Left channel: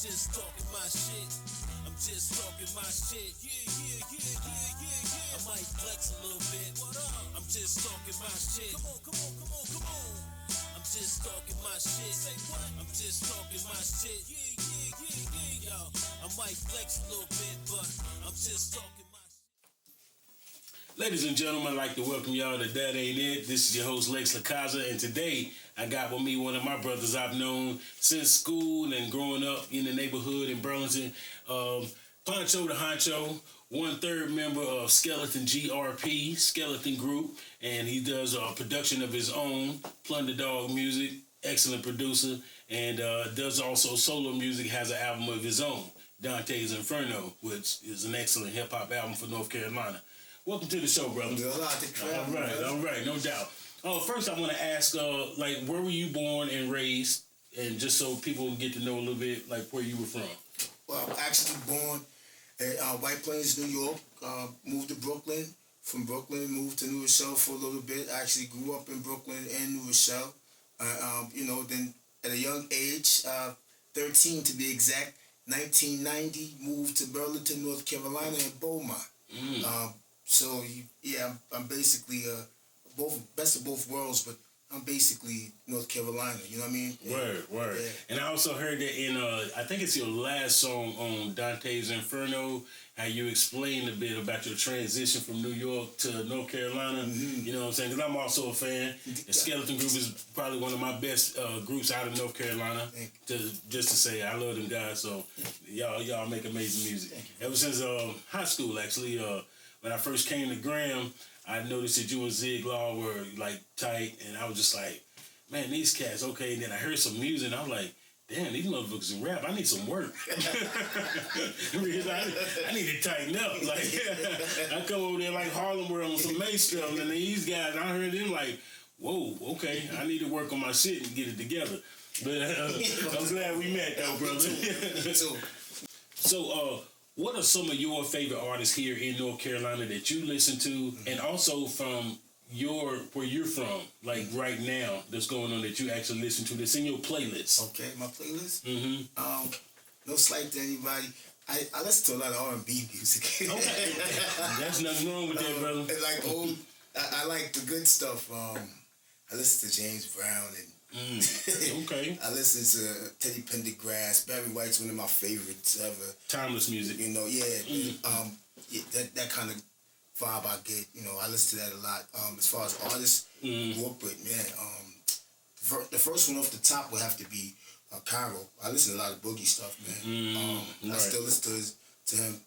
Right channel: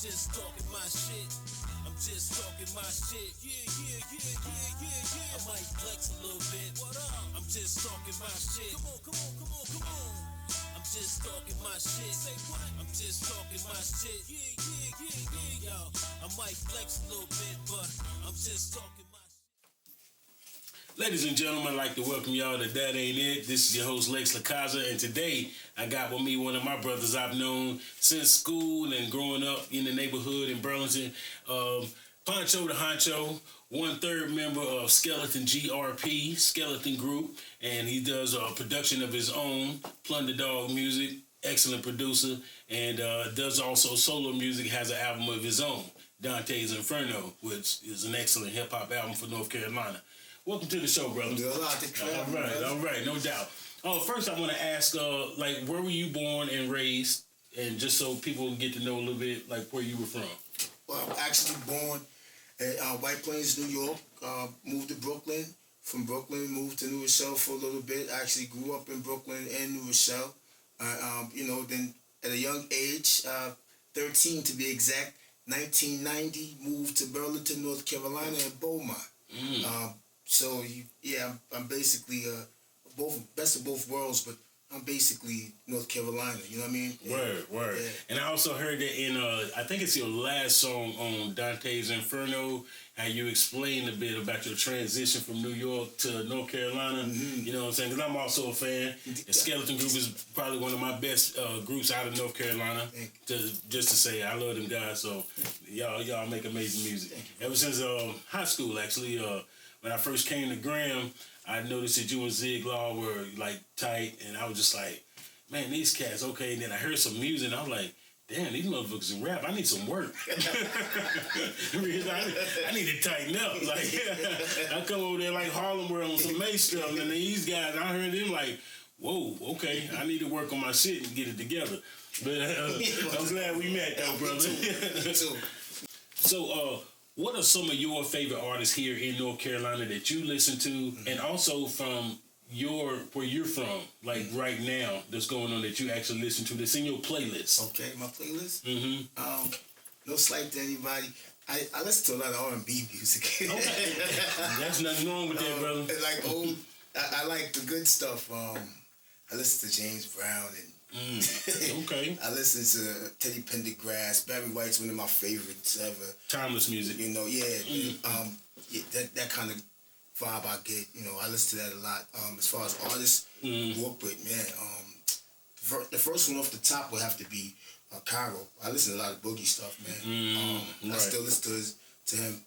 just talking my shit. I'm just talking my shit. I might flex a little bit. What up? I'm just talking my shit. Come on. I'm just talking my shit. Say what? I'm just talking my shit. Yo, I might flex a little bit, but I'm just talking my shit. Ladies and gentlemen, I'd like to welcome y'all to That Ain't It. This is your host, Lex LaCaza, and today I got with me one of my brothers I've known since school and growing up in the neighborhood in Burlington. Poncho the Honcho, 1/3 member of Skeleton GRP, Skeleton Group, and he does a production of his own, Plunder Dog Music, excellent producer, and does also solo music, has an album of his own, Dante's Inferno, which is an excellent hip-hop album for North Carolina. Welcome to the show, brother. All right, no doubt. First I want to ask, where were you born and raised, and just so people get to know a little bit, where you were from. Well, I'm actually born in White Plains, New York. Moved to Brooklyn. From Brooklyn, moved to New Rochelle for a little bit. I actually grew up in Brooklyn and New Rochelle. Then at a young age, 13 to be exact, 1990, moved to Burlington, North Carolina, and Beaumont. I'm basically best of both worlds, but I'm basically North Carolina, you know what I mean? Word. Yeah. And I also heard that in, I think it's your last song on Dante's Inferno, how you explained a bit about your transition from New York to North Carolina. Mm-hmm. You know what I'm saying? Because I'm also a fan. The Skeleton Group is probably one of my best groups out of North Carolina. Just to say, I love them guys. So y'all make amazing music. Ever since high school, actually, when I first came to Graham, I noticed that you and Zig Law were tight, and I was just like, man, these cats, okay. And then I heard some music, and I was like, damn, these motherfuckers can rap. I need some work. I need to tighten up. I come over there like Harlem World on some Mace stuff, and these guys, I heard them whoa, okay, I need to work on my shit and get it together. But I'm glad we met, though, brother. Me too. So, what are some of your favorite artists here in North Carolina that you listen to, and also from where you're from, right now, that's going on that you actually listen to, that's in your playlist? Okay, my playlist? Mm-hmm. No slight to anybody. I listen to a lot of R&B music. Okay. There's nothing wrong with that, brother. I like the good stuff. I listen to James Brown and okay. I listen to Teddy Pendergrass. Barry White's one of my favorites ever. Timeless music. That kind of vibe I get. I listen to that a lot. As far as artists, grew up with, man. The first one off the top would have to be Cairo. I listen to a lot of boogie stuff, man. I still listen to him.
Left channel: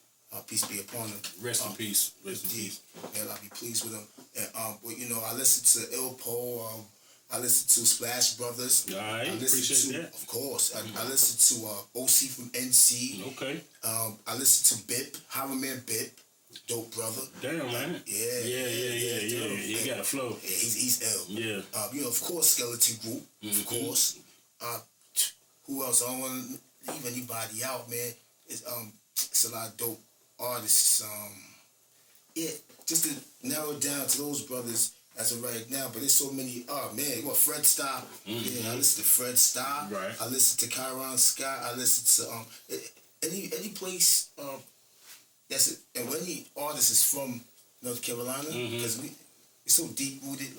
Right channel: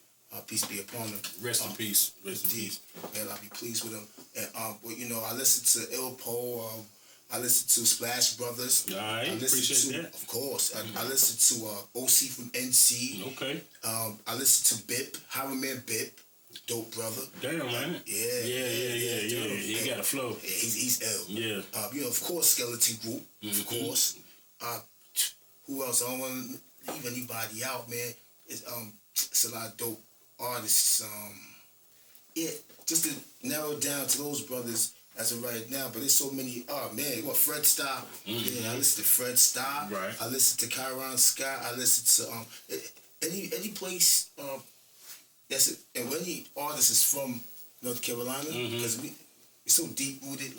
Peace be upon him. Rest in peace. Rest in peace. Man, I'll be pleased with him. And I listen to Il Po. I listen to Splash Brothers. I appreciate that. Of course. I listen to OC from NC. Okay. I listen to Bip, Highwayman Bip. Dope brother. Damn, man. Yeah. He got a flow. Yeah, he's ill. Yeah. Of course, Skeleton Group. Mm-hmm. Of course. Who else? I don't want to leave anybody out, man. It's a lot of dope artists. Just to narrow it down to those brothers as of right now, but there's so many. Oh man, Fred Starr. Mm-hmm. Yeah, I listen to Fred Starr. Right. I listen to Kyron Scott. I listen to any place that's it. And when any artist is from North Carolina, because we're so deep rooted,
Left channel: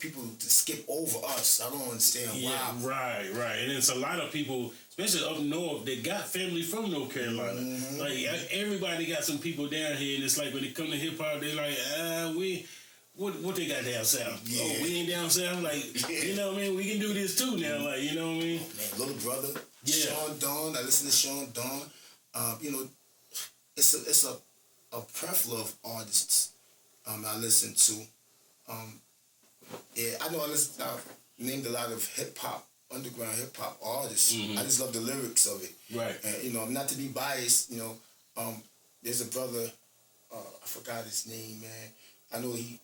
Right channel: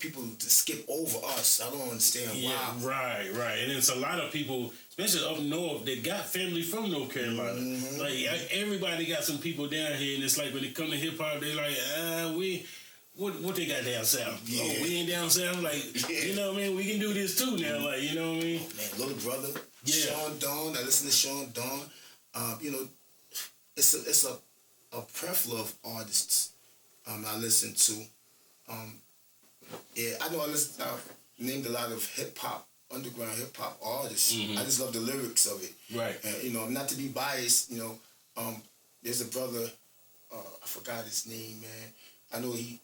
people to skip over us. I don't understand why. Right. And it's a lot of people, especially up north, that got family from North Carolina. Mm-hmm. Everybody got some people down here, and it's when it come to hip hop, they're like, What they got down south? Yeah. Oh, we ain't down south? You know what I mean? We can do this too now, you know what I mean? Man, Little Brother, Sean Dawn, I listen to Sean Dawn. It's a plethora of artists I listen to. I know I named a lot of hip-hop, underground hip-hop artists. Mm-hmm. I just love the lyrics of it. Right. Not to be biased, there's a brother, I forgot his name, man. I know he...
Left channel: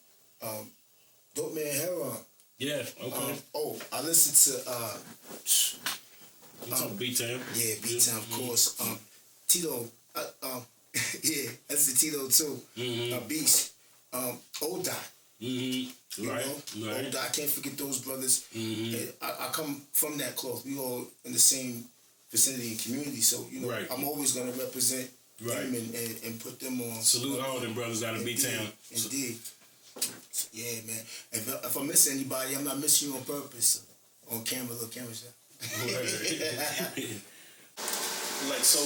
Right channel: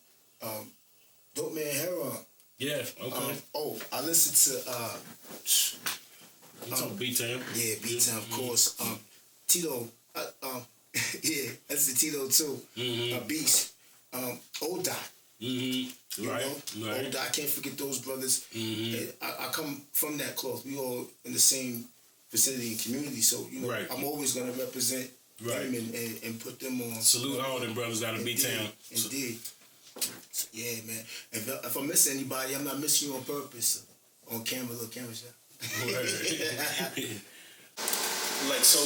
Dope Man Heron. Yeah, okay. I listen to it's on B-Town. Yeah, B-Town, of course. Tito. That's the Tito too. Mm-hmm. Beast. O-Dot. Mm-hmm. Right. O-Dot. I can't forget those brothers. Mm-hmm. I come from that cloth. We all in the same vicinity and community. So, you know, Right. I'm always going to represent Right. them and put them on. Salute all them brothers out of B-Town. Indeed. Yeah, man. If I miss anybody, I'm not missing you on purpose. On camera, little camera shot. Like, so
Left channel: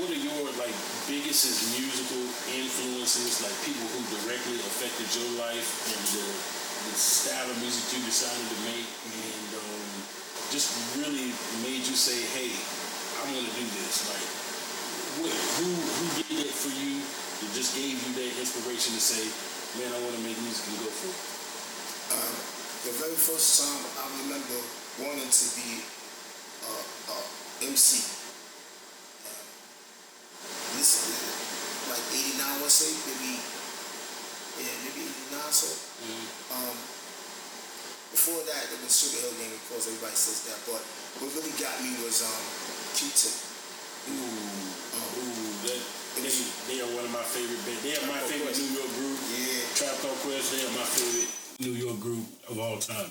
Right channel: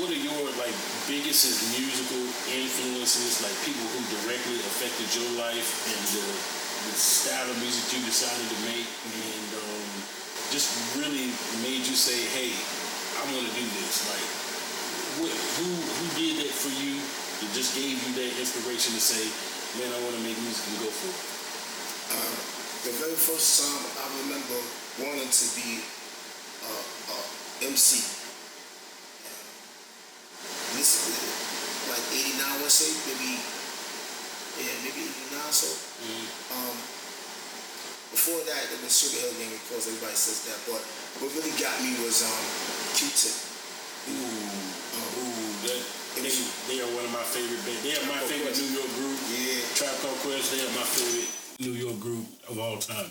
what are your, like, biggest musical influences, like people who directly affected your life and the style of music you decided to make and just really made you say, hey, I want to do this? Like, who did that for you that just gave you that inspiration to say, man, I want to make music and go for it? The very first time I remember wanting to be MC. This is like 89, I want to say, maybe 89 so. Before that, it was Sugar Hill Gang, of course, everybody says that, but what really got me was Q-Tip. They are one of my favorite bands. They are my favorite New York group. Yeah. Trap Called Quest, they are my favorite New York group of all time.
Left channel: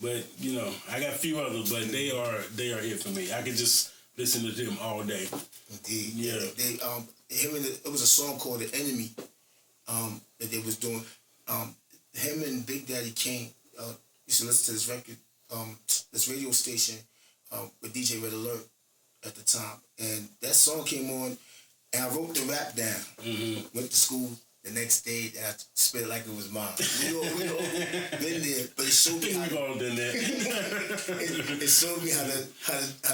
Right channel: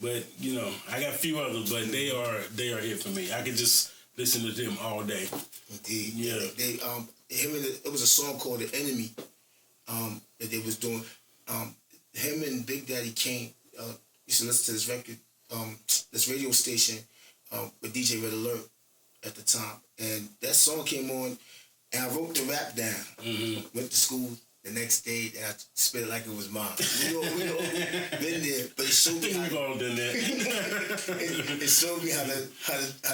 But, you know, I got a few others, but they are it for me. I could just listen to them all day. Indeed. Yeah. It was a song called The Enemy that they was doing. Him and Big Daddy Kane used to listen to this record, this radio station with DJ Red Alert at the time. And that song came on, and I wrote the rap down. Went to school the next day, and I spit it like it was mine. We all been there, but it showed me how We've all done that. it showed me how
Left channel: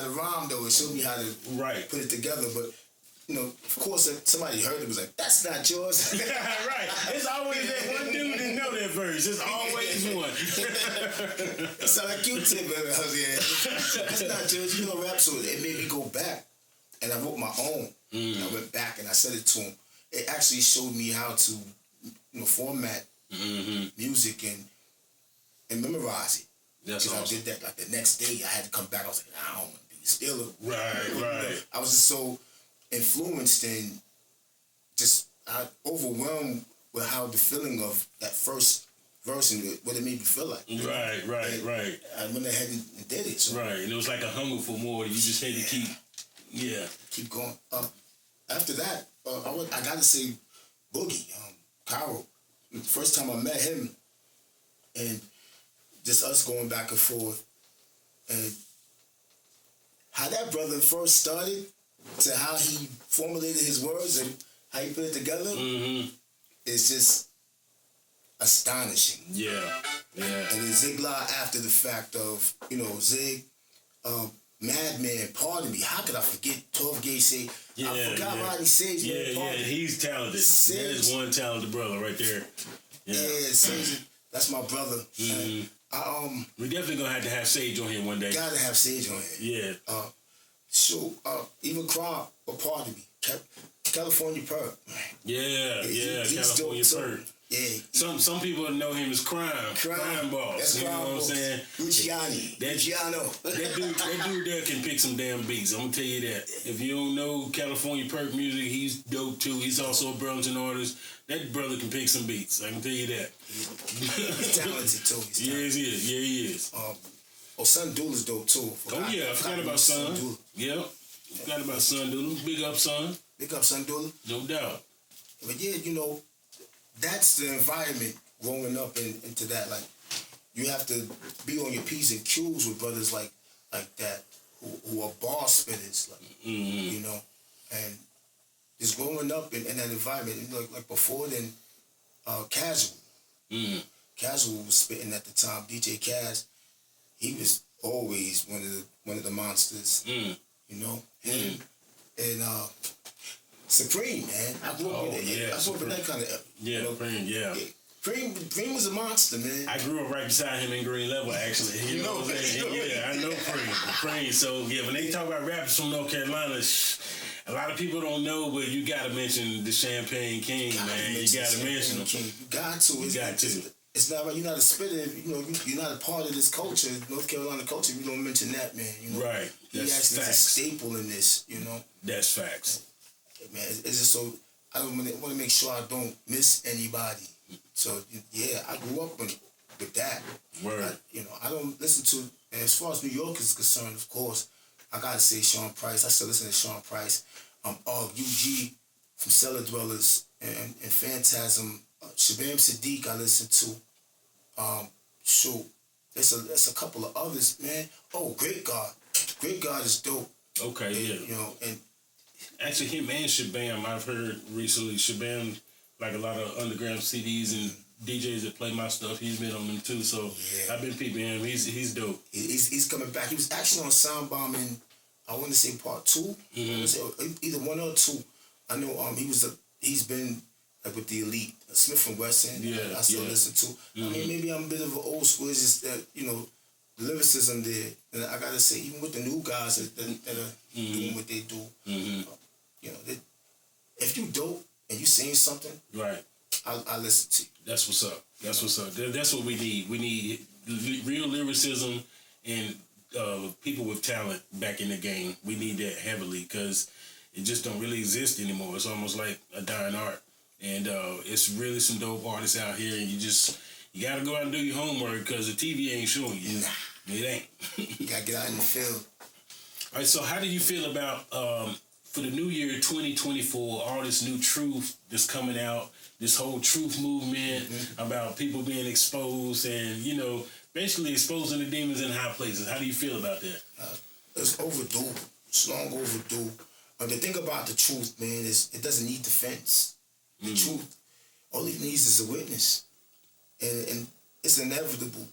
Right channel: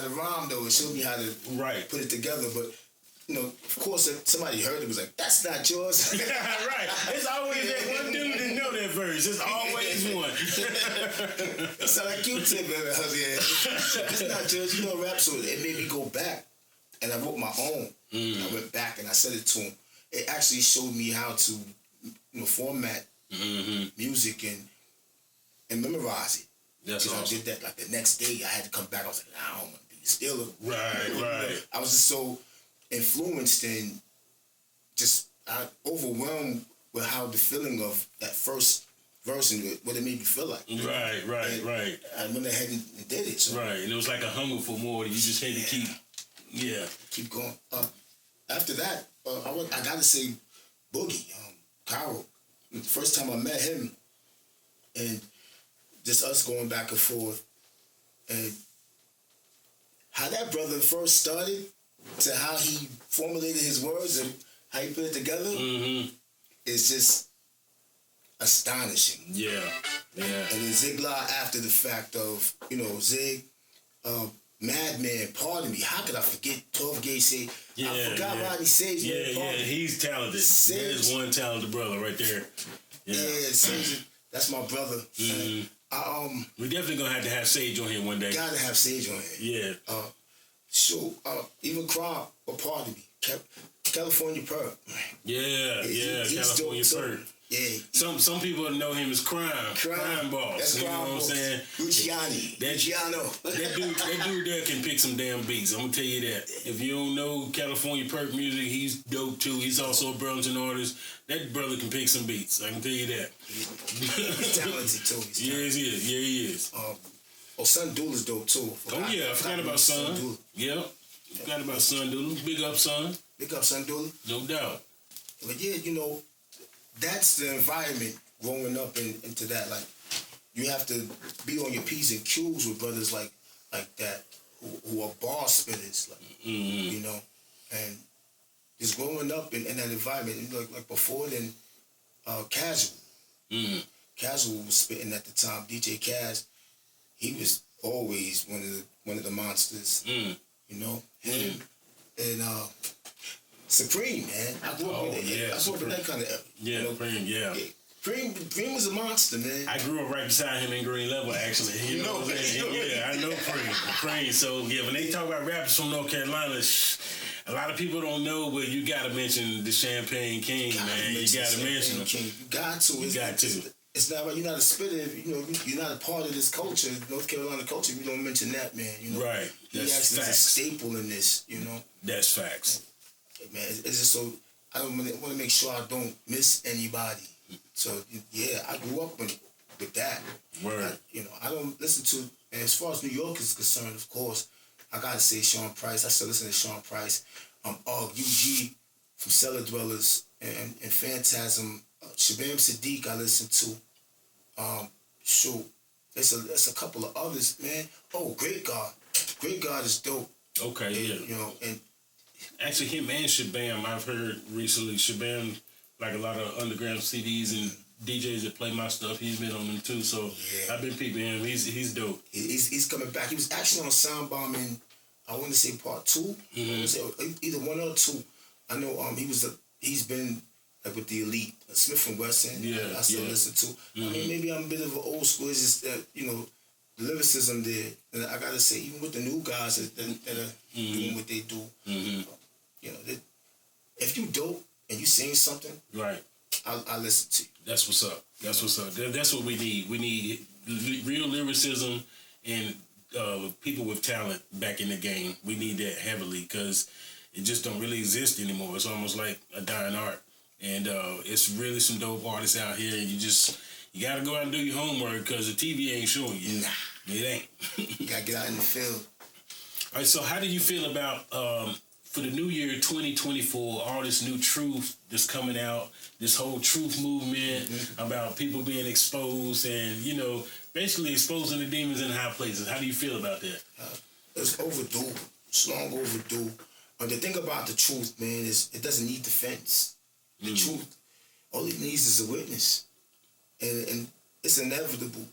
to rhyme though. It showed me how to put it together. But you know, of course, if somebody heard it, was like, "That's not yours." Right. It's always that one dude that know that verse. It's always one. It sounded like Q-Tip, baby. I was like, "That's not yours." You know, rap. So it made me go back, and I wrote my own. And I went back and I said it to him. It actually showed me how to, you know, format music and memorize it. That's awesome. I did that like the next day. I had to come back. I was like, I don't want to be still. Right. I was just so influenced and just overwhelmed with how the feeling of that first verse and what it made me feel like. Right. I went ahead and did it. So. Right, and it was like a hunger for more. You just had to keep going. After that, I gotta say, Boogie, Cairo. The first time I met him, and just us going back and forth, and how that brother first started, to how he formulated his words and how he put it together, is just astonishing. Yeah. And then Zig La after the fact of, you know, Zig, Madman, pardon me. How could I forget 12 Gauge say? I forgot Rodney Sage. Yeah, he's talented. Sage. That is one talented brother right there. Yeah, Sage, that's my brother. We definitely gonna have Sage on here one day. Gotta have Sage on here. Yeah. Even Crime, pardon me. California Perp. Yeah, California Perp. Yeah. Some people know him as Crime Boss. That's you know what I'm saying? Luciano. That dude there can pick some damn beats. I'm gonna tell you that. If you don't know California Perk music, he's dope too. He's also a Burlington artist. That brother can pick some beats. I can tell you that. He's talented too. He is. Son Dooley's dope too. I forgot about Son. Yeah. Forgot about Son Dooley. Big up Son. Big up Son Dooley. No doubt. But yeah, you know, that's the environment growing up into that. Like, you have to be on your P's and Q's with brothers like that who are bar spitters, like, you know, and just growing up in that environment. Like before then, Casual. Casual was spitting at the time. DJ Kaz, he was always one of the monsters. You know, him and Supreme, man. I grew up with it. I grew up in that kind of you know, Preem was a monster, man. I grew up right beside him in Green Level, actually. You know what I'm saying? Yeah, I know Preem. So, yeah, when they talk about rappers from North Carolina, a lot of people don't know, but you got to mention the Champagne King, man. You got to mention him. You got to. It's not right. You're not a spitter. You know, you're not a part of this culture, North Carolina culture. If you don't mention that, man. You know, right. That's actually facts. A staple in this. You know, that's facts. Man, it's just so I don't want to make sure I don't miss anybody. So yeah, I grew up with that. Word. I don't listen to. And as far as New York is concerned, of course, I gotta say Sean Price. I still listen to Sean Price. UG from Cellar Dwellers and Phantasm. Shabam Sadiq I listen to. Shoot, there's a couple of others, man. Oh, Great God. Great God is dope. Okay, And, yeah. You know, and Actually, him and Shabam, I've heard recently. Shabam, like a lot of underground CDs and DJs that play my stuff, he's been on them too. So Yeah. I've been peeping him. He's dope. he's coming back. He was actually on Soundbomb in, I want to say part 2. I wanna say either 1 or 2. I know he's been like with the Elite, Smith and Wesson. Yeah, I still yeah. listen to. I mean, maybe I'm a bit of an old school. It's just that, you know, the lyricism there. And I gotta say, even with the new guys that are doing what they do, you know, if you dope and you saying something, Right. I listen to you. That's what's up. That's what's up. That's what we need. We need real lyricism and people with talent back in the game. We need that heavily because it just don't really exist anymore. It's almost like a dying art. And it's really some dope artists out here, and you got to go out and do your homework because the TV ain't showing you. Nah. It ain't. You gotta get out in the field. All right, so how do you feel about, for the new year 2024, all this new truth that's coming out, this whole truth movement about people being exposed and, you know, basically exposing the demons in high places? How do you feel about that? It's overdue. It's long overdue. The thing about the truth, man, is it doesn't need defense. The truth, all it needs is a witness. And it's inevitable.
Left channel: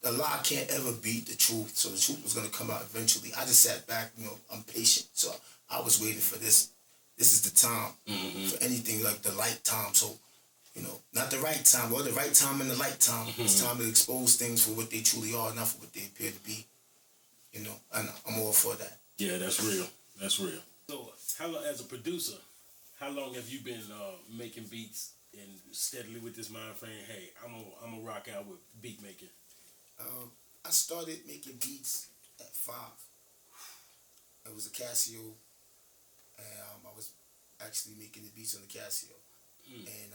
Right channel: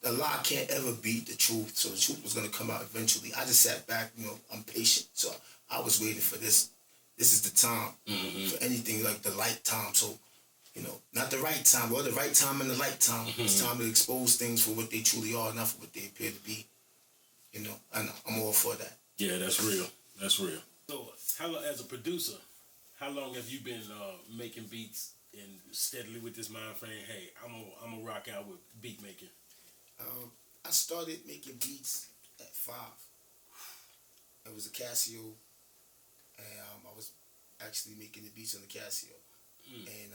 The lie can't ever beat the truth, so the truth was going to come out eventually. I just sat back, you know, I'm patient. So I was waiting for this. This is the time for anything like the light time. So, you know, not the right time, well, the right time and the light time. It's time to expose things for what they truly are, not for what they appear to be. You know, and I'm all for that. Yeah, that's real. That's real. So, as a producer, how long have you been making beats and steadily with this mind frame? Hey, I'm gonna rock out with beat making. I started making beats at 5. It was a Casio, and I was actually making the beats on the Casio and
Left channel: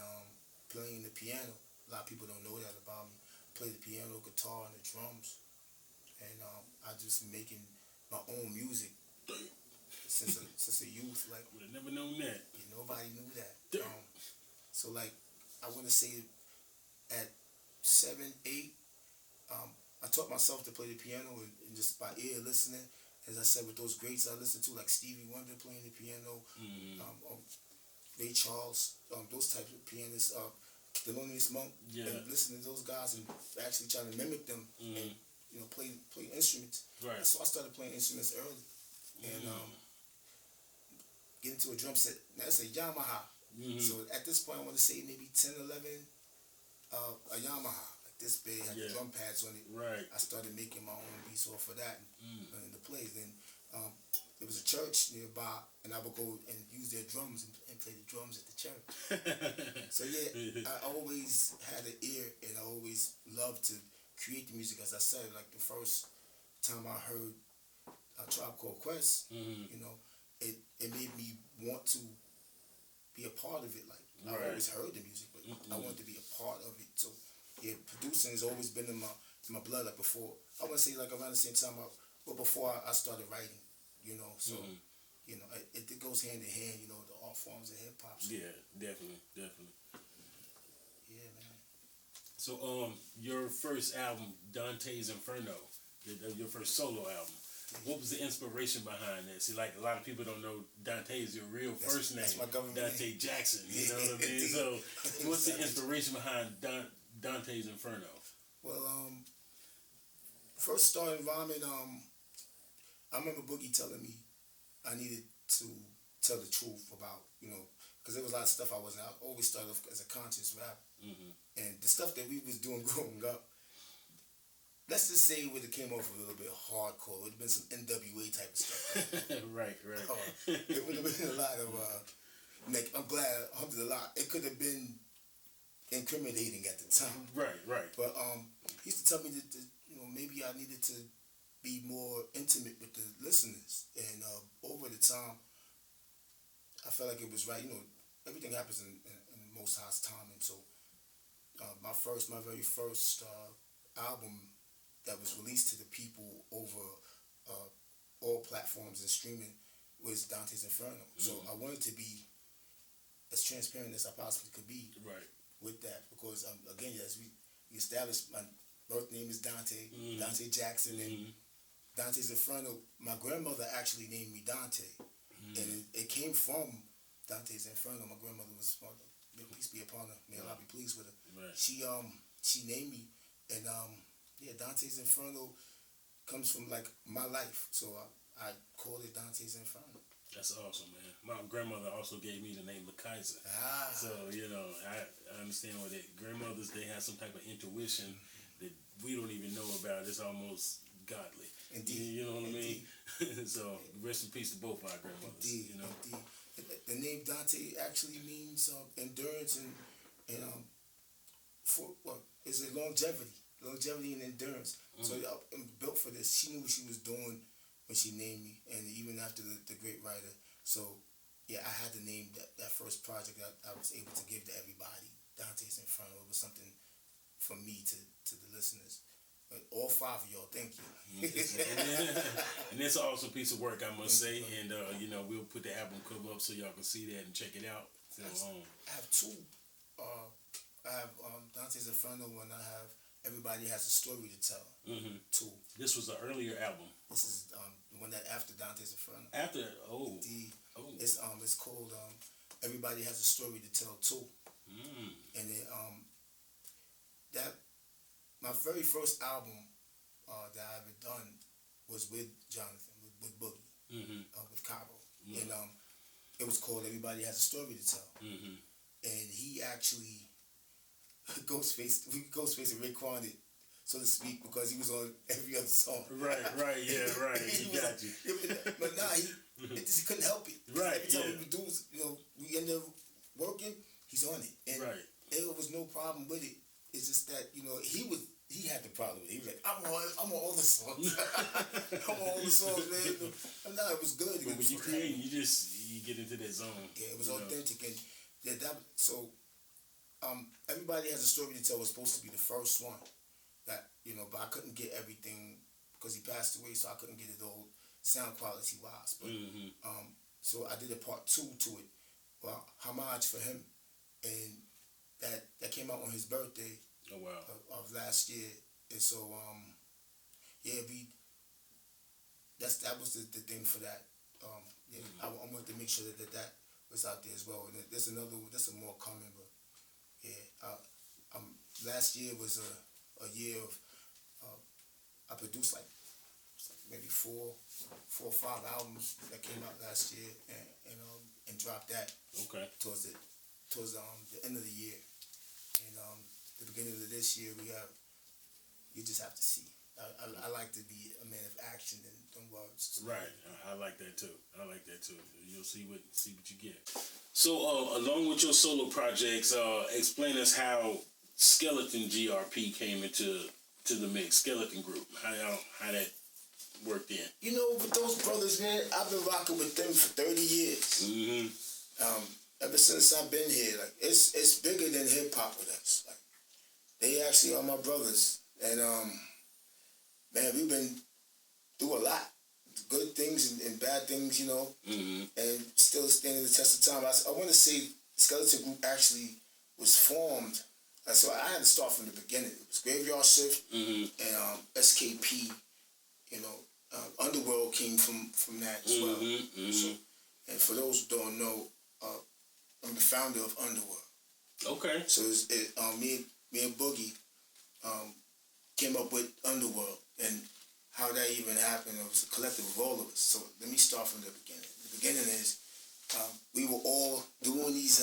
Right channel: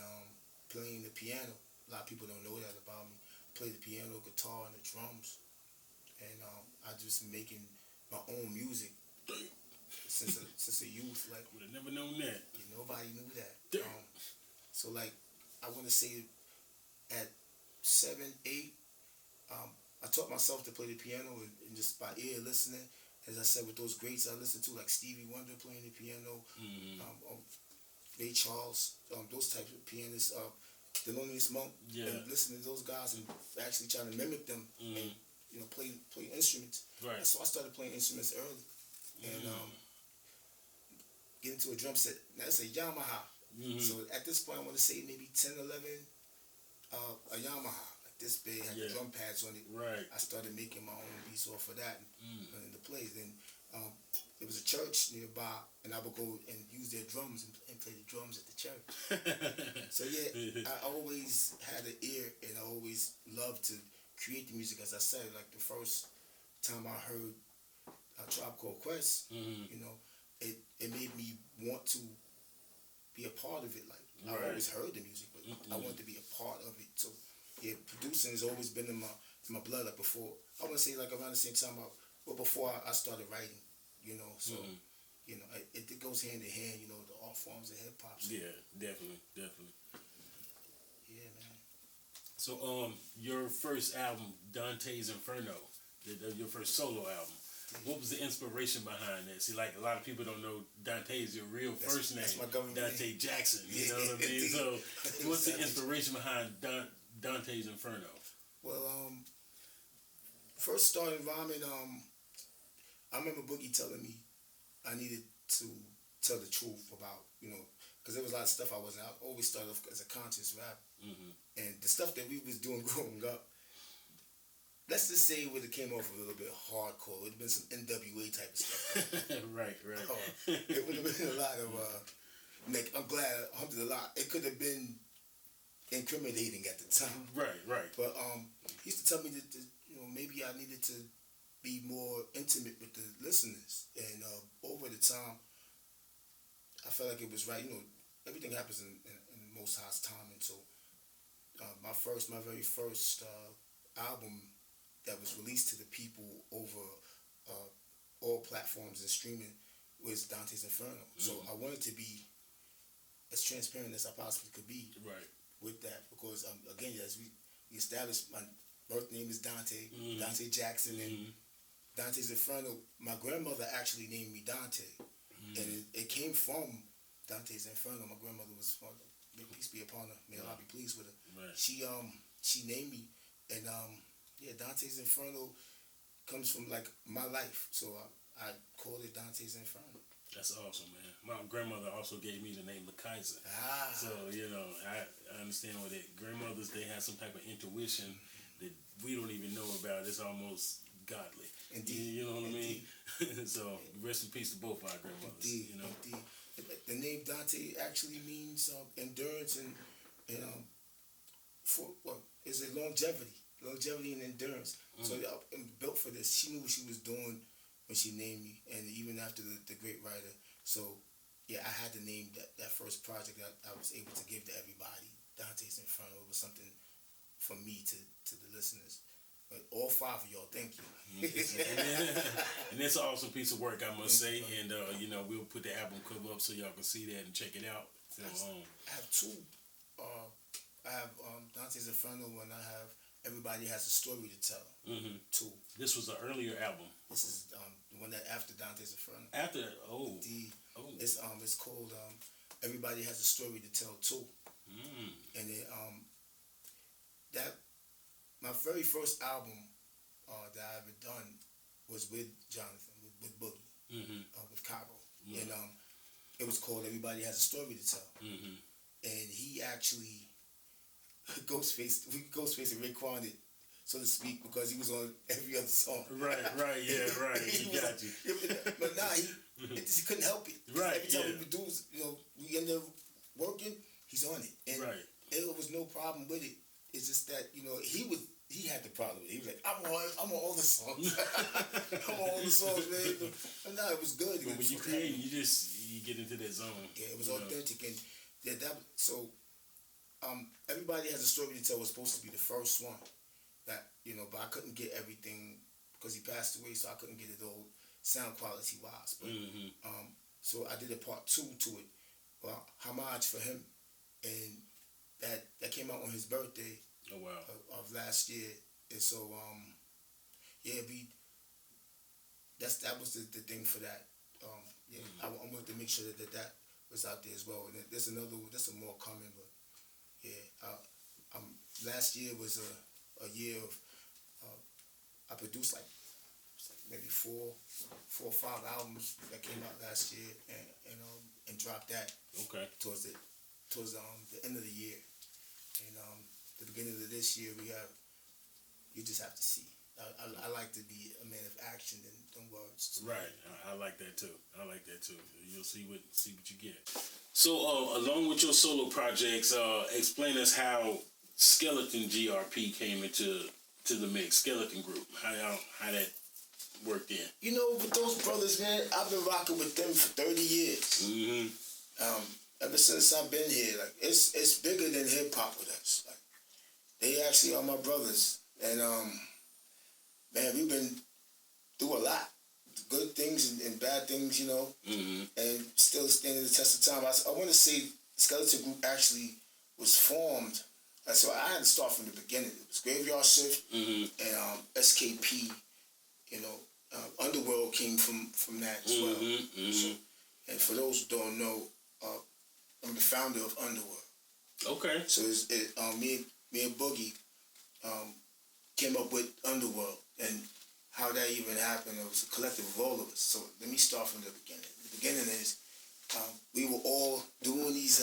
playing the piano. A lot of people don't know that about me. Play the piano, guitar, and the drums, and I just making my own music since a youth. Like, Would have never known that. nobody knew that. So like, I want to say at 7, 8. I taught myself to play the piano and just by ear listening. As I said, with those greats I listened to, like Stevie Wonder playing the piano, Ray Charles, those types of pianists, Thelonious Monk, and listening to those guys and actually trying to mimic them and, you know, play instruments. Right. So I started playing instruments early and get into a drum set. Now it's a Yamaha. So at this point, I want to say maybe 10, 11, a Yamaha. This big, had the drum pads on it. Right. I started making my own beats off of that and the plays. Then there was a church nearby, and I would go and use their drums and play the drums at the church. So yeah, I always had an ear, and I always loved to create the music. As I said, like the first time I heard a Tribe Called Quest, you know, it made me want to be a part of it. Like I always heard the music, but I wanted to be a part of it. So yeah, producing has always been in my blood. Like before, I want to say like around the same time, but before I started writing, you know. So you know, it goes hand in hand. You know, the art forms of hip hop. So. Yeah, definitely. Yeah, man. So, your first album, Dante's Inferno, your first solo album. What was the inspiration behind that? See, like a lot of people don't know Dante is your real first name. That's my government Dante name. Jackson. You know what I mean? So, what's the inspiration behind Dante's Inferno? Well, first starting rhyming, I remember Boogie telling me I needed to tell the truth about, you know, because there was a lot of stuff I always started off as a conscious rap. And the stuff that we was doing growing up, let's just say it would have came off a little bit hardcore. It would have been some NWA type of stuff. Right. It would have been a lot of, like, I'm glad, alhamdulillah, it could have been incriminating at the time. Right. But he used to tell me that, you know, maybe I needed to be more intimate with the listeners. And over the time, I felt like it was right. You know, everything happens in the Most High's time. And so my very first album that was released to the people over all platforms and streaming was Dante's Inferno. So I wanted to be as transparent as I possibly could be Right. with that because again, as we established, my birth name is Dante, Dante Jackson, and Dante's Inferno. My grandmother actually named me Dante, and it came from Dante's Inferno. My grandmother was, may peace be upon her, may Allah be pleased with her. Right. She named me, and Dante's Inferno comes from like my life, so I called it Dante's Inferno. That's awesome, man. My grandmother also gave me the name LaKaiser. So, I understand what grandmothers, they have some type of intuition that we don't even know about. It's almost godly. Indeed. You know what I mean? So, rest in peace to both our grandmothers. Indeed. Indeed. The name Dante actually means endurance and for what is it, longevity and endurance. So I'm built for this. She knew what she was doing when she named me, and even after the great writer. So I had to name that first project that I was able to give to everybody, Dante's Inferno. It was something from me to the listeners. But all 5 of y'all, thank you. And it's an awesome piece of work, I must say. And we'll put the album cover up so y'all can see that and check it out. So, I have two. I have Dante's Inferno, and I have Everybody Has a Story to Tell. Two. This was an earlier album. This is the one that after Dante's Inferno. It's called Everybody Has a Story to Tell too. And it that my very first album that I ever done was with Jonathan, with Boogie, with Cairo, and it was called Everybody Has a Story to Tell. And he actually Ghostface and Raekwon it, so to speak, because he was on every other song. Right, he got you. But he couldn't help it. Right, every time we do, we end up working, he's on it. And there was no problem with it. It's just that, he had the problem with it. He was like, I'm on all the songs. I'm on all the songs, man. And it was good. But when you create, you get into that zone. Yeah, it was authentic. And Everybody Has a Story to Tell was supposed to be the first one that, but I couldn't get everything because he passed away, so I couldn't get it all sound quality wise. But so I did a part 2 to it, homage for him, and that came out on his birthday. Oh wow! Of last year, and so that was the thing for that. I wanted to make sure that was out there as well. And there's some more coming, but. Last year was a year of I produced like maybe four or five albums that came out last year and dropped that towards the end of the year, and the beginning of this year you just have to see. I like to be a man of action than words. Right, I like that too. You'll see what you get. So, along with your solo projects, explain us how Skeleton GRP came into the mix. Skeleton Group, how that worked in. With those brothers, man, I've been rocking with them for 30 years. Ever since I've been here, like it's bigger than hip hop with us. Like they actually are my brothers, and man, we've been through a lot. Good things and bad things, and still standing the test of time. I want to say Skeleton Group actually was formed. So I had to start from the beginning. It was Graveyard Shift and SKP. Underworld came from that as well. So, and for those who don't know, I'm the founder of Underworld. Okay. So me and Boogie came up with Underworld, and how that even happened, it was a collective of all of us. So let me start from the beginning. The beginning is we were all doing these,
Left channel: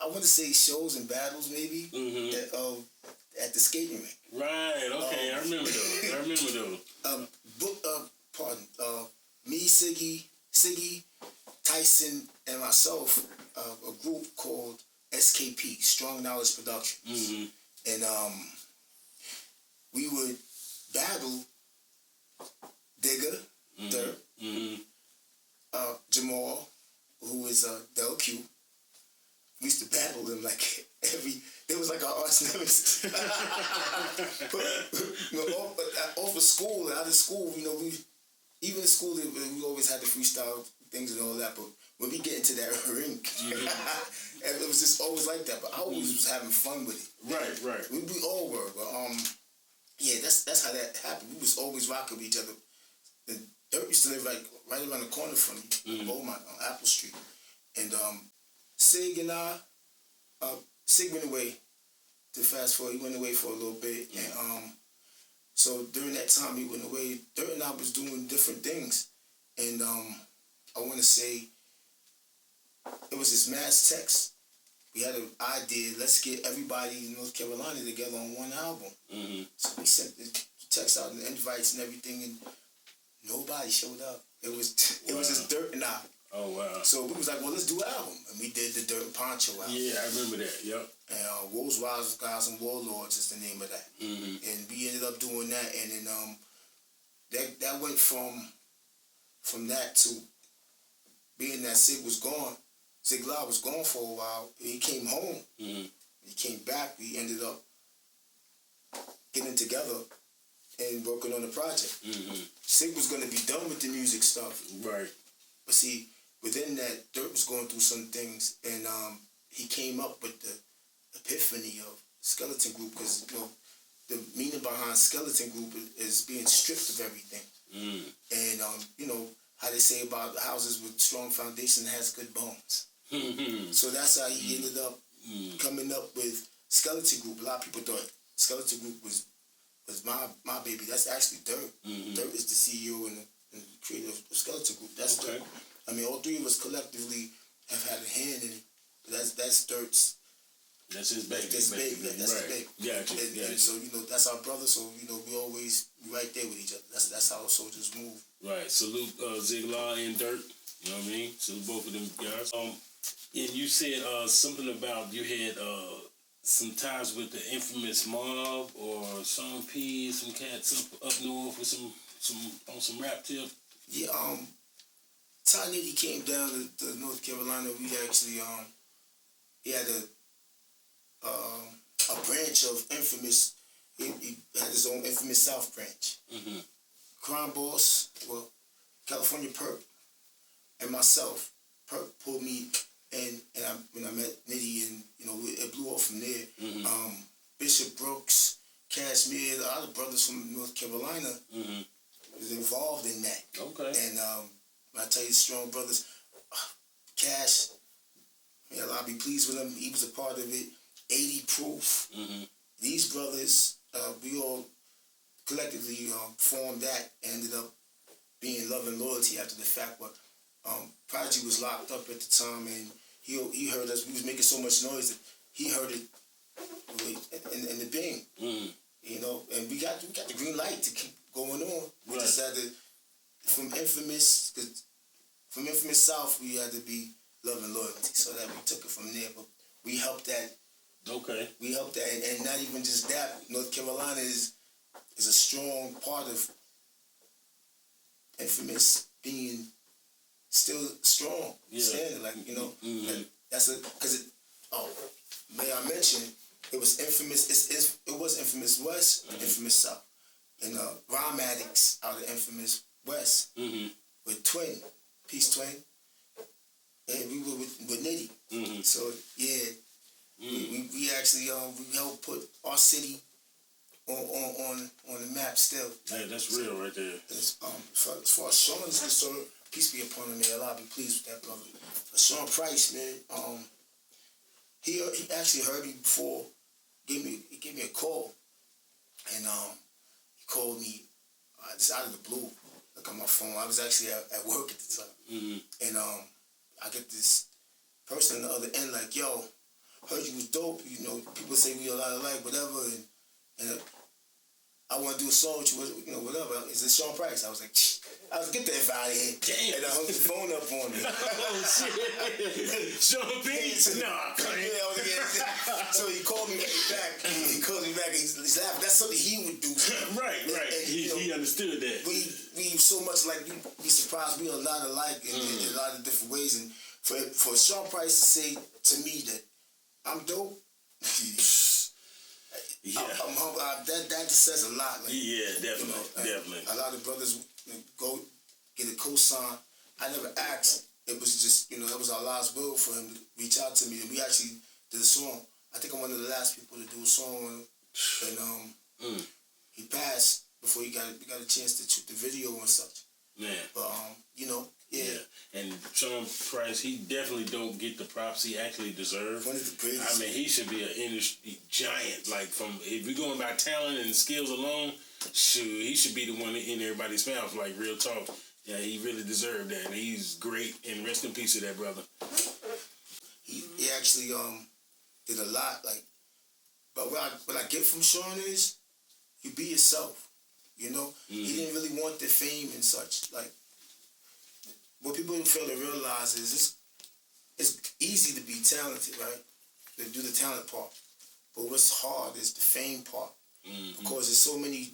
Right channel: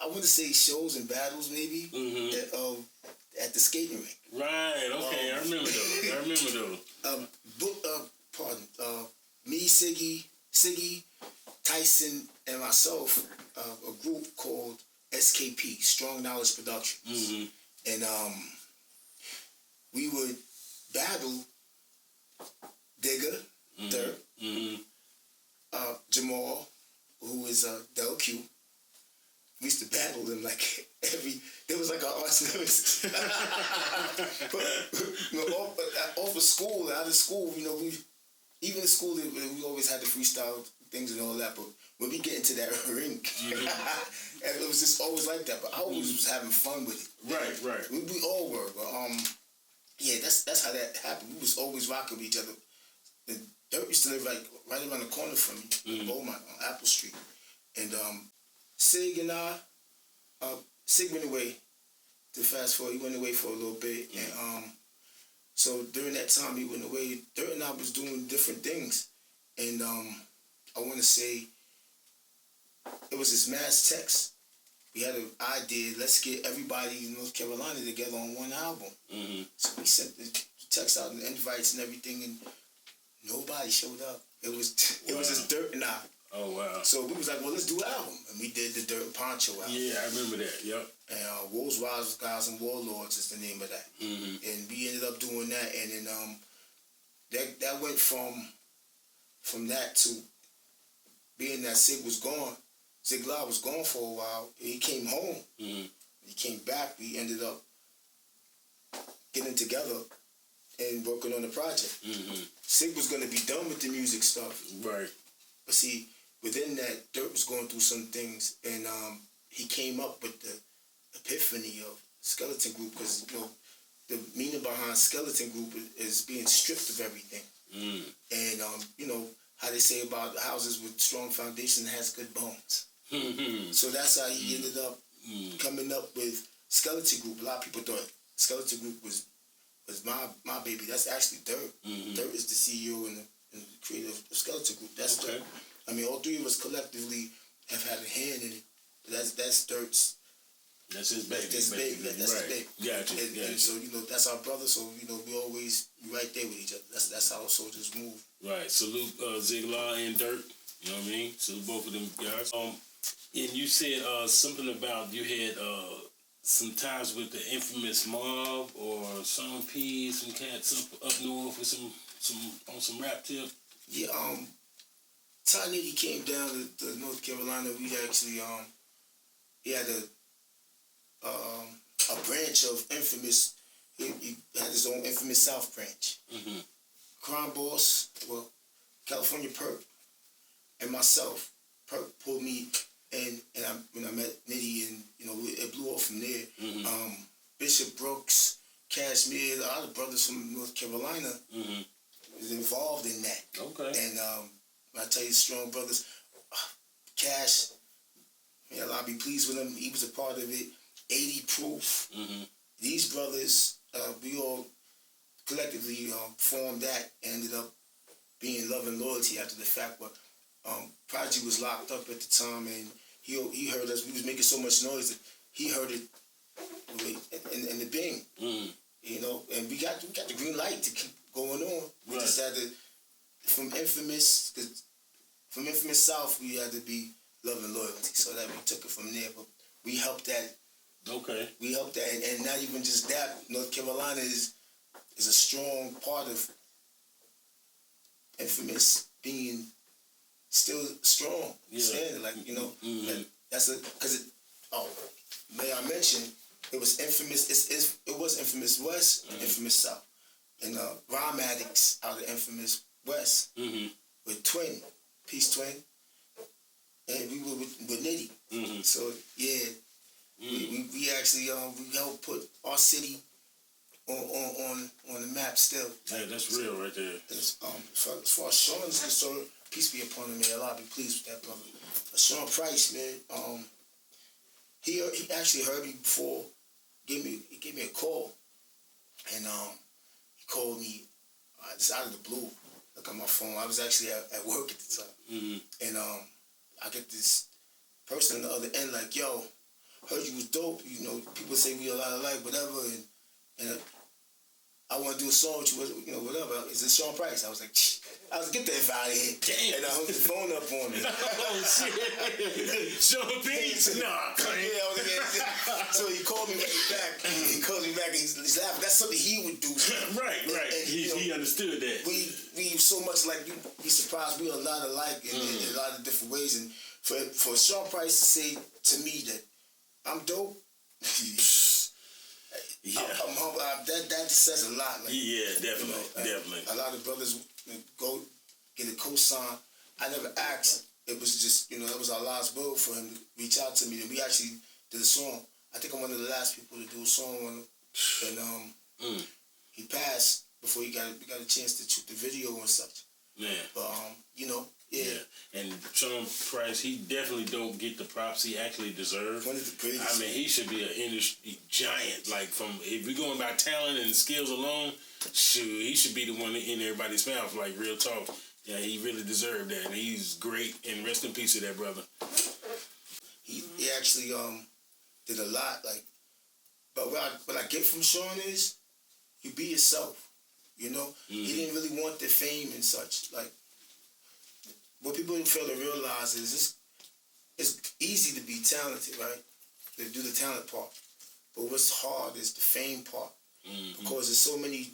I want to say shows and battles maybe, at the skating rink. Right, okay, I remember those. Me, Siggy, Tyson, and myself, a group called SKP, Strong Knowledge Productions. And we would battle Digger, Jamal, who is Del Q, we used to battle them like it was like our arch nemesis. But, off of school, out of school, even in school, we always had the freestyle things and all that, but when we get into that ring, and it was just always like that, but I always was having fun with it. Right. We all were, but yeah, that's how that happened. We was always rocking with each other. And Dirt used to live right around the corner from me, Beaumont, on Apple Street. And Sig and Sig went away, to fast forward, he went away for a little bit, and so during that time he went away, Dirt and I was doing different things, and I want to say it was this mass text. We had an idea, let's get everybody in North Carolina together on one album. So we sent the text out and the invites and everything, and nobody showed up. It was just Dirt and I. Oh, wow. So we was like, well, let's do an album. And we did the Dirt and Poncho album. Yeah, I remember that, yep. And Wolves, Wild Guys, and Warlords is the name of that. And we ended up doing that, and then that went from that to being that Sig was gone. Sig Lau was gone for a while. He came home. He came back. We ended up getting together and working on the project. Sig was going to be done with the music stuff. Right. But see, within that, Dirt was going through some things, and he came up with the epiphany of Skeleton Group, because the meaning behind Skeleton Group is being stripped of everything. And how they say about houses with strong foundation has good bones. So that's how he ended up coming up with Skeleton Group. A lot of people thought Skeleton Group was my baby. That's actually Dirt. Dirt is the CEO and the creator of Skeleton Group. That's Dirt. I mean, all three of us collectively have had a hand in it. But that's Dirt's. That's his baby. That's his baby. That's his baby. Gotcha. And so that's our brother. So we always be right there with each other. That's how soldiers move. Right. Salute Sig Lau and Dirt. You know what I mean? Salute both of them guys. And you said something about you had some ties with the infamous Mob or Sean P, some cats up north with some rap tip. Yeah. Ty Nitty came down to North Carolina. We actually he had a branch of Infamous. He had his own Infamous South branch. Crime Boss, California Perk, and myself. Perk pulled me, and when I met Nitty, and it blew off from there. Bishop Brooks, Cashmere, a lot of brothers from North Carolina was involved in that. Okay. And I tell you, strong brothers, Cash, I'll be pleased with him. He was a part of it. 80 Proof. These brothers, we all collectively formed that and ended up being Love and Loyalty after the fact. But Prodigy was locked up at the time, and he heard us. We was making so much noise that he heard it in the Bing. And we got the green light to keep going on. We decided from Infamous South, we had to be Love and Loyalty. So that we took it from there. But we helped that. Okay. We helped that, and not even just that. North Carolina is a strong part of Infamous being still strong. Yeah. Standing, like, that's because may I mention, it was Infamous. It was Infamous West, and Infamous South, and Rhyme Addicts out of Infamous West with Twin, Peace Twin, and we were with Nitty. So yeah. We actually we helped put our city on the map still. Hey, that's real right there. As far as Sean is concerned, peace be upon him, man. I'll be pleased with that brother. Sean Price, man, he actually heard me before. He gave me a call, and he called me just out of the blue. Look at my phone. I was actually at work at the time, and I get this person on the other end like, yo, heard you was dope. People say we a lot alike, whatever, and I want to do a song with you, whatever. Is it Sean Price? I was like, get the F out of here. Damn. And I hung the phone up on me. Oh, shit. Sean P? Nah. So he called me back. He calls me back, and he's laughing. That's something he would do. Right. And he understood that. We so much like, you'd be surprised, we are a lot alike in a lot of different ways. And for Sean Price to say to me that I'm dope. Yeah. I'm humble. That just says a lot. Like, Yeah, definitely, you know, definitely. A lot of brothers go get a cosign. I never asked. It was just, it was Allah's will for him to reach out to me, and we actually did a song. I think I'm one of the last people to do a song with him, and he passed before we got a chance to shoot the video and such. Man. But yeah. And Sean Price, he definitely don't get the props he actually deserves. One of the greatest. I mean, he should be an industry giant. Like, if we're going by talent and skills alone, shoot, he should be the one in everybody's mouth. Like, real talk. Yeah, he really deserved that, and he's great. And rest in peace to that brother. He actually did a lot. Like, but what I get from Sean is, you be yourself. You know, he didn't really want the fame and such. Like, what people fail to realize is it's easy to be talented, right? To do the talent part. But what's hard is the fame part. Because there's so many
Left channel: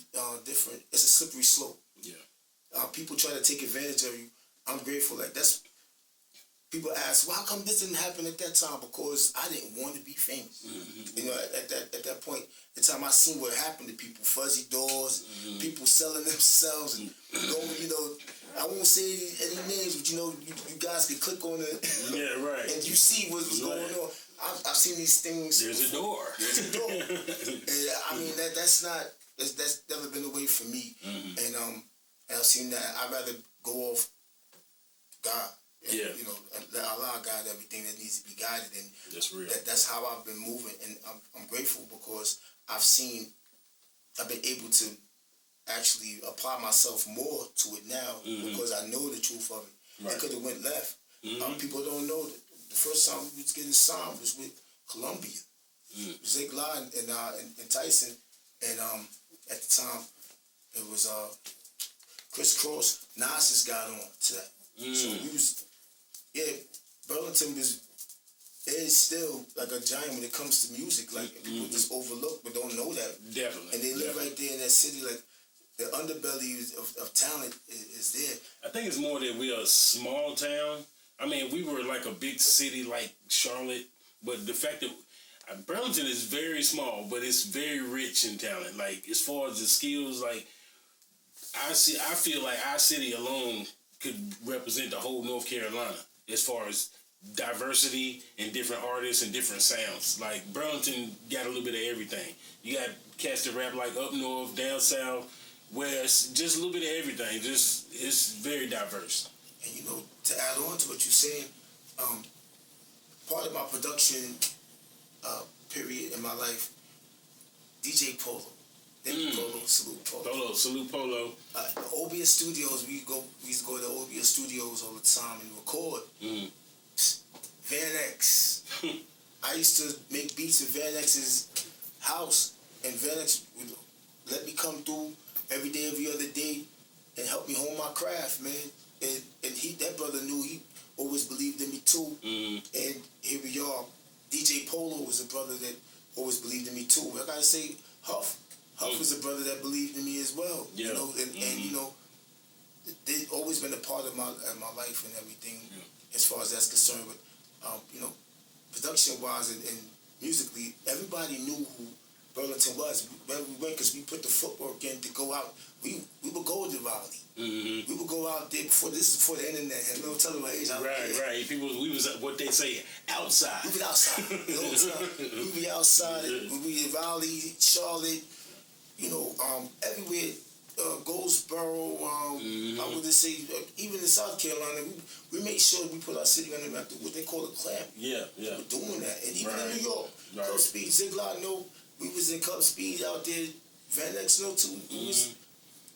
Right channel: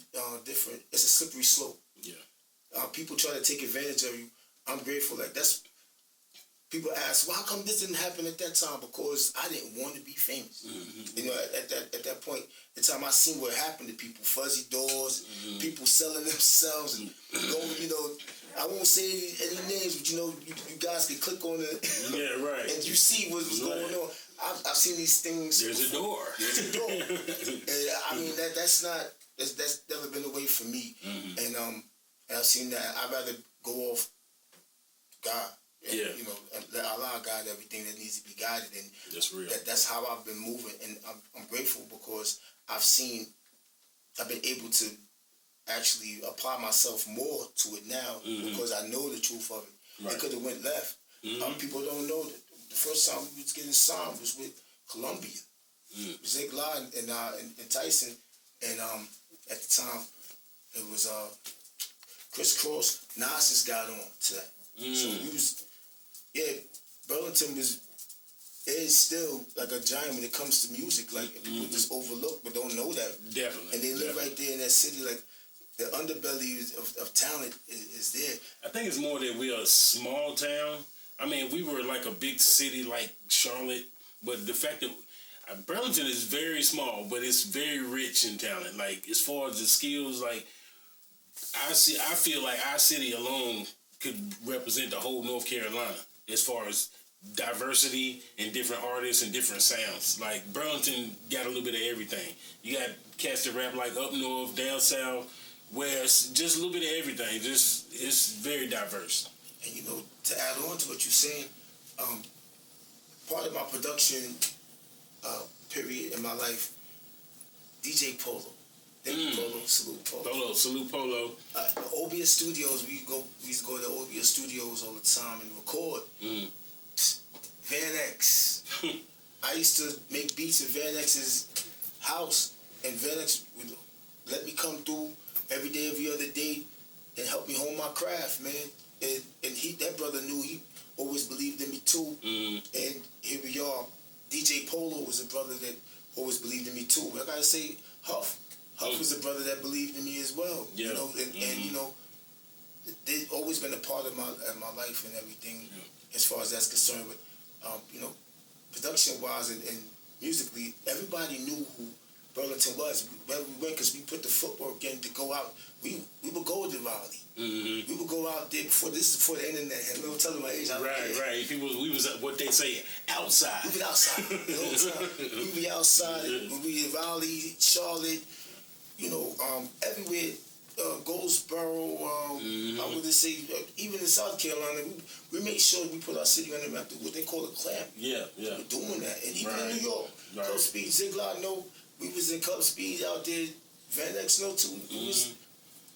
different, it's a slippery slope. Yeah. People try to take advantage of you. I'm grateful. Like, people ask, well, how come this didn't happen at that time? Because I didn't want to be famous. You know, at that point, the time I seen what happened to people, fuzzy doors, people selling themselves, and I won't say any names, but you guys can click on it. Yeah, right. And you see what's going on. I've seen these things. There's a door. There's a door. And I mean, that's never been the way for me. And I've seen that. I'd rather go off God. And, let Allah guide everything that needs to be guided. And that's real. That's how I've been moving. And I'm grateful because I've been able to actually apply myself more to it now because I know the truth of it. Right. It could have went left. People don't know that the first time we was getting signed was with Columbia. Zig La and Tyson. And at the time, it was Chris Cross. Nas just got on to that. So we was, Burlington is still like a giant when it comes to music. Like, people just overlook but don't know that. Definitely. And they live right there in that city. Like, the underbelly of talent is there. I think it's more that we are a small town. I mean, we were like a big city like Charlotte, but the fact that Burlington is very small, but it's very rich in talent. Like, as far as the skills, like, I feel like our city alone could represent the whole North Carolina as far as diversity and different artists and different sounds. Like, Burlington got a little bit of everything. You got cats that rap like up north, down south, west, just a little bit of everything. Just, it's very diverse. And to add on to what you're saying, part of my production period in my life, DJ Polo. Thank you, Polo. Salute Polo. Salute Polo. The Obia Studios, we used to go to Obia Studios all the time and record. Van X. I used to make beats at Van X's house, and Van X would let me come through every day, every other day, and help me hone my craft, man. And that brother knew, he always believed in me too. And here we are. DJ Polo was a brother that always believed in me too. I gotta say, Huff was a brother that believed in me as well. Yeah. And they've always been a part of my life and everything, as far as that's concerned. But production wise and musically, everybody knew who Burlington was. Where we went, because we put the footwork in to go out. We would go to Raleigh. We would go out there before the internet. And we were telling my age. Right. We was what they say, outside. We was outside. We be outside. We be in Raleigh, Charlotte. Everywhere. Goldsboro. I would just say, even in South Carolina, we made sure we put our city on the map. What they call a clamp. Yeah. We're doing that, and even in New York, Club Speed, Ziglar, we was in Club Speed out there. Van X, too. We was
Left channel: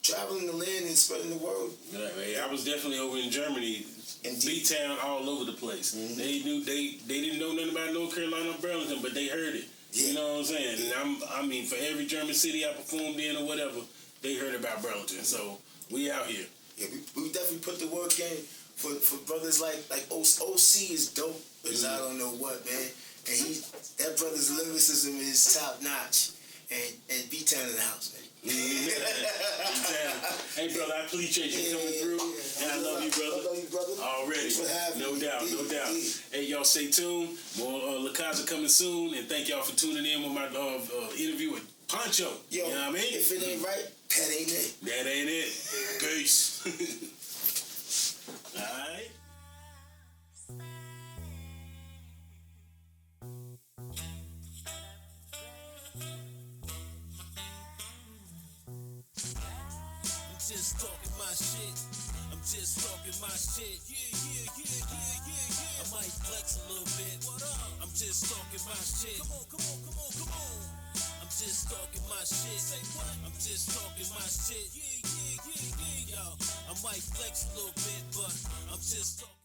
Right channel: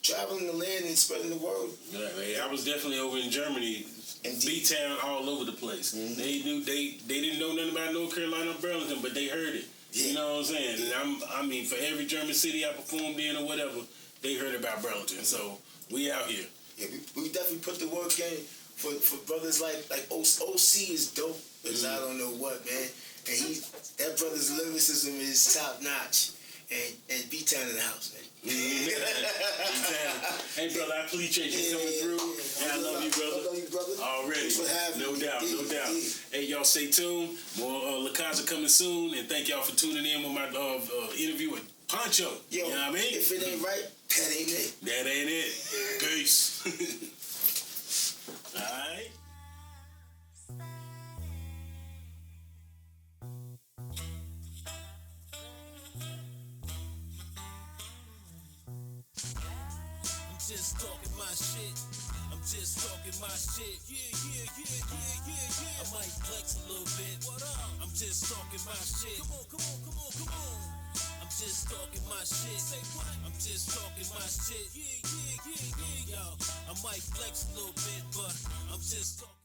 traveling the land and spreading the word. Yeah, I was definitely over in Germany, B-Town, all over the place. They didn't know nothing about North Carolina or Burlington, but they heard it. Yeah. You know what I'm saying? Yeah. And I mean, for every German city I performed in or whatever, they heard about Burlington. So we out here. Yeah, we definitely put the work in for brothers like OC is dope as I don't know what, man. And that brother's lyricism is top notch. and B-Town in the house, man. Hey, brother, I appreciate you coming through. And I love you, brother. I love you, brother. Already. Thanks for having no me. doubt, no doubt. Hey, y'all stay tuned. More La Casa coming soon. And thank y'all for tuning in with my interview with Poncho. Yo, you know what I mean? if it ain't right, that ain't it. That ain't it. Peace. All right. Just talking my shit. I'm just talking my shit. I might flex a little bit. What up? I'm just talking my shit. Come on. I'm just talking my shit. Say what? I'm just talking my shit. Yo, I might flex a little bit, but I'm just talking.